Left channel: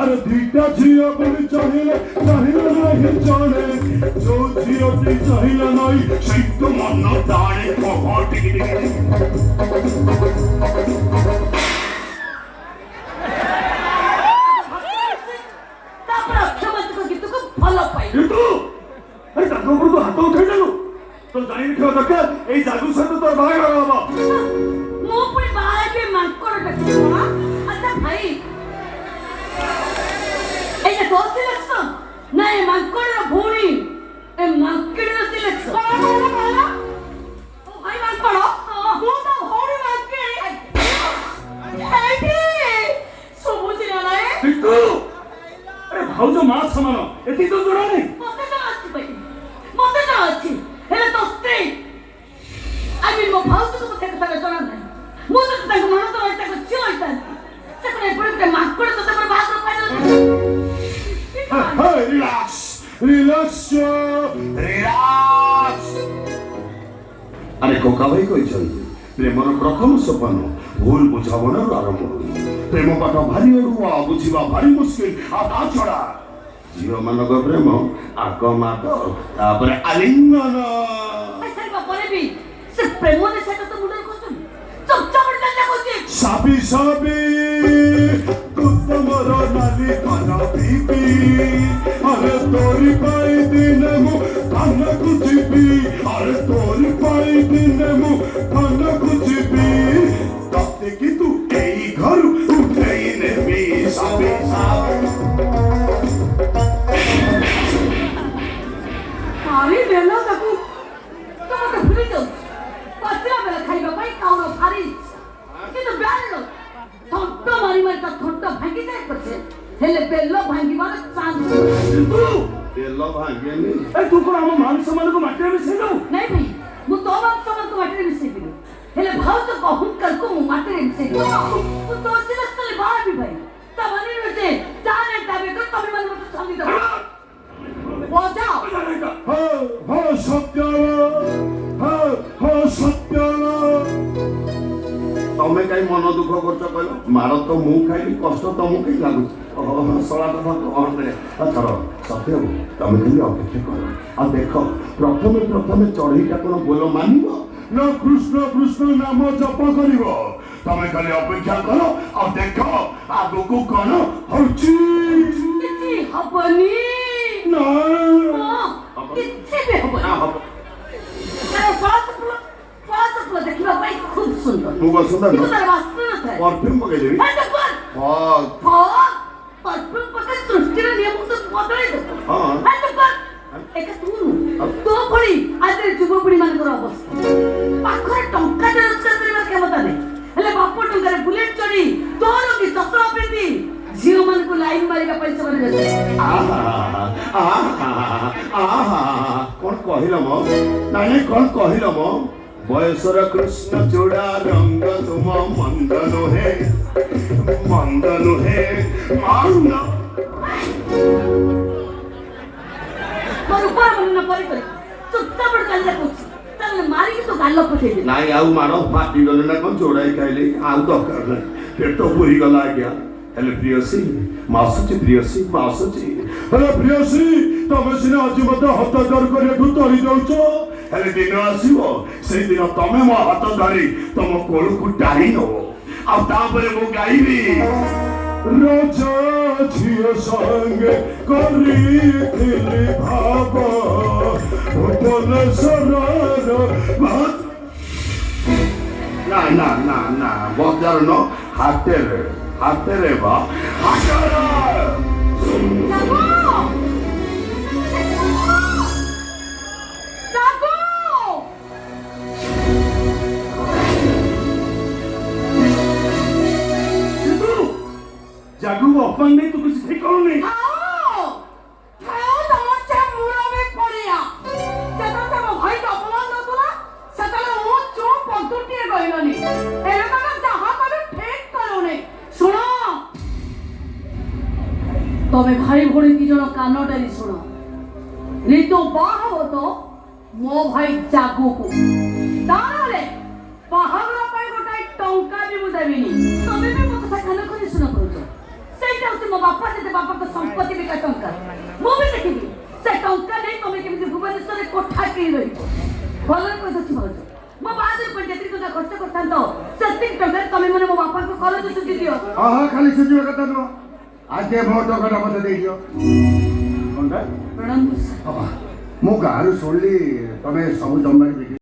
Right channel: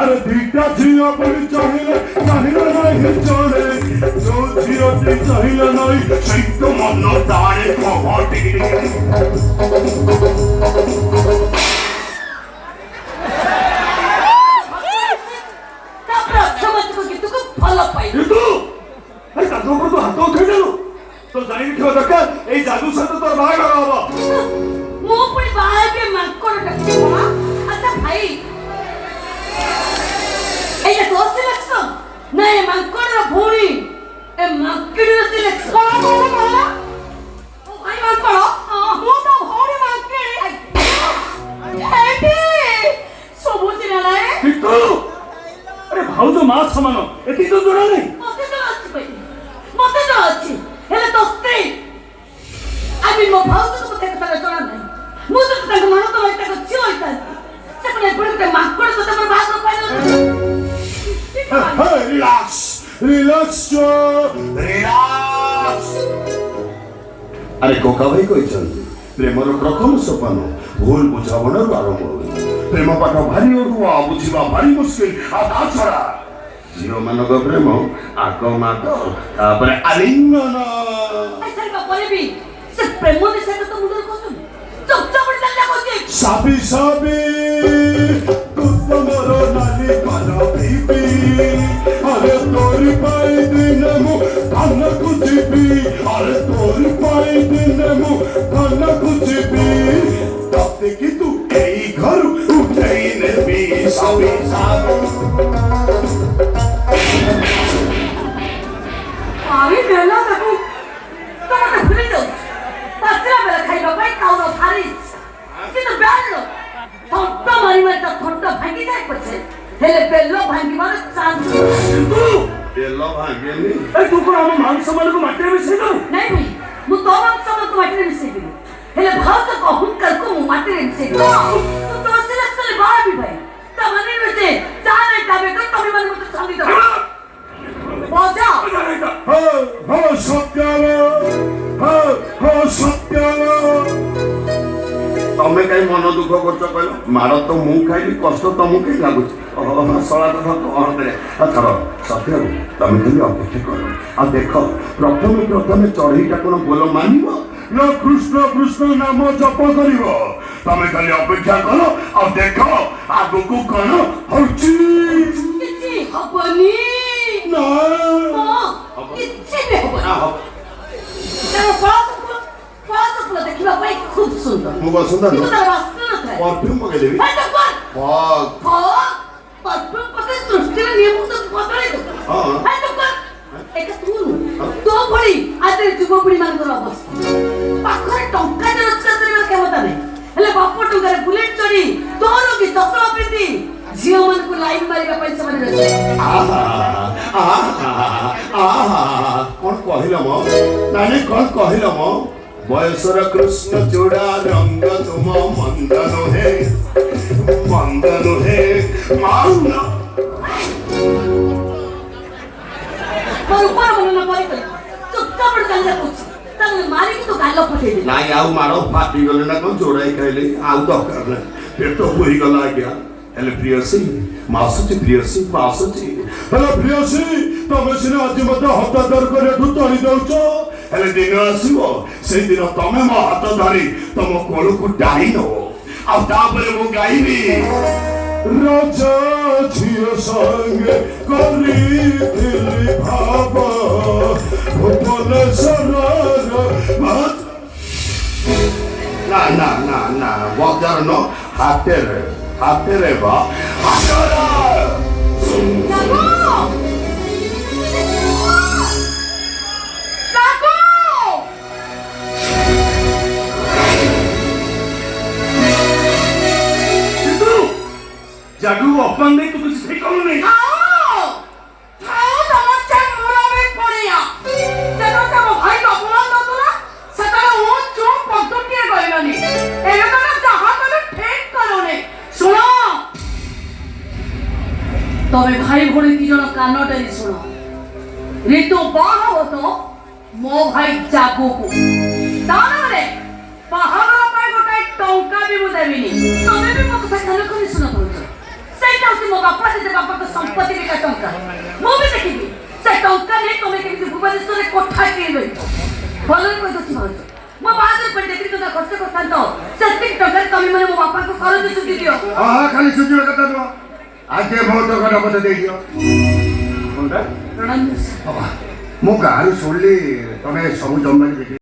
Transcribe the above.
अरे दीटा झिया पर चाहिए नहीं जाने जो झिया की चाहिए नहीं सैतो मन दाने को टिक हाथ उठेदेलु तो जाई ठो दरकार ए जादू सहित तो बाहागर हबो मो पुणी बाहा के मांकर टकवा अच्छा भाई ए तो सिलेक्शन नहीं मांकर भूणी ए मांकर सिलेक्शन ओ भाई मांकर मो तो भूणी मांकर एटी समझ ना रे बिट्टू अरे भाऊ तो मां समान एती तो जोड़ा नहीं मते तो अच्छी हेले तो स्त्री आमी मो भाव तो मते कथा जणा नहीं मो तो तंग मन तो मते को छियो इता से कोने पुणी के माकड़ तो तमर भाग पाइलो रिलैक्स रिलैक्स रिलैक्स अरे कोका भाई कहिछन प्रेमर प्रथम सोपान भूल बुझाबणार आरंभ होई प्रेम पाठ भारी ओडुआ बुझिबा भारी मुश्किल आ ता छड़ा झियो मानक प्रेम आग मात तापर आलिंगन ऐसा का बोले भी से प्रेम ने से तो मुंडर कोसुम चपचा पड़ जा कोचे साबी साबी कुतमर नाली काना बीबी अरे तोरी पाई दिन मु खाना कुचिबी अरे तोरी पाई दिन मु खाना कुचिबी तब की तू एई घर उठे ने भी साबी साबी अरे बेला ताकू तो मते भूली जाऊ पात्रा बेला खाइबा पाई काउनो फारिस किंतु बेलो थट्टा मारी मारी ता थट्टा भांगी जाय पछे हेले बेलो भांगी मार चांस बेलो भांगे नी ए तू को हम मान सम्मान को माटे में से दो नहीं भाई मु तो मान सम्मान को माटे में से दिबे हेले भाव तो कहूं कर को मु माटे में से दो तू तो सिला चले बाहर भी भाई ता मने में से चाहे काबे कर तमे मन मत संगी दो बोझा हो सत्यालो हो सत्यालो तमे काई मन दुख करछ कहलो मार तो मु खाइली कष्ट तमु के लागु सळा तो कहते अथर सत्य तमे खाली अपेक्षा करो आ देखो प्रथमे चढ़ईटा कोन बोल मानिबो न कृष्ण कृष्ण नाम जप करिवो तमे खाली अपेक्षा करो आ देखो आगु को कोन होची किछि हबनी ना किछि भी हबनी तेरे पास देखिबा भाई खूब सुंदर मुगा सुंदर तू तार वास्तव न थे परफ्यूम मगे देबी हां तो परफ्यूम पके सृष्टि रे नियम तो बदले दो हां तो एक तू तो भली आदे जुबपुड़ी मान कर अवस्था पाखरे टंका दे रोजगार करबा क्षमता नै हेले बाप टंका रे बुलेट चढ़ी तोर की चपला पिंदी जियो मन को लाइन मारिबा पैसा बने रे कोन कहिलो म नानी कोन कहिलो म बयसर कृष्ण चूड़ा रंग तुम मंदनु हे मान पर ऊपर मन परे कर चुपचाप पड़ चल जा कुछ तब मारी की तो गालो फटे दे नाही आउ मारो फाटी गले ना कोन जोड़ाई खाइले आउ दरकार ना पेट तो पूरी गला गया हेले प्रियसी प्रियसी हेले प्रियसी तमे सिने आज मते हतादर करे तोड़ी दउछ हेले दिन आसीबो से दिन तमे मो हाथ धरी तम कोळु को डाई नो आ तापरे मु गाइबी राजा झियो संग करी दिली भाव भुवन सरर मत ना बजार न हातेरे बा जादू अपन नहीं तो कुछ ठीक करो नहीं आओ समस्या मुरा में पड़िया तेरो तो भाई तो बोला तो ना सता वो चो पटुटिए गइलनी ए तो जहां तने ठीक करो ने सुनो तबे भाई भोड़ी की जण कानटारी सुनो ऋतु बाह हो तो मो भाई जागो को तानले बाहागर पाई गोटे टंका भी मु देबिनी तबे भी मत खाना खनि सुनो बोलछ से ସେଇଟା ହଉଛି ମୋ ବାପା ଜେଜେ ବାପାଙ୍କ ସମ୍ପତ୍ତି ବିକା ଟଙ୍କା। ମୁଁ ବି ଦେଖିବି ସେ ଟଙ୍କା ନେଇ ତମେ କେମିତି ଭୁବନେଶ୍ୱରରେ କୋଠା କିଣିବେ। ଭଲରେ କହିଦେଉଛି ଭାଉଜ, ମୋ ବାହାଘର ପାଇଁ ଯେତିକି ଟଙ୍କା ଖର୍ଚ୍ଚ କରିଥାନ୍ତ ସେତିକି ଟଙ୍କାରେ ତମେ ମାନେ ମୋ ବାପାଙ୍କୁ କରଜ ସୁଝି ଦିଅ। ହଁ ଖାଲି ସୁଝିବା କଥା ନୁହଁ, ଆଗେ ମୋ ଟଙ୍କାଟା ମତେ ଦେଇଦିଅ। ମୁଁ ଗାଁରୁ ଶୁଣିଲି ତମେ ସବୁ ଜମି ବିକ୍ରି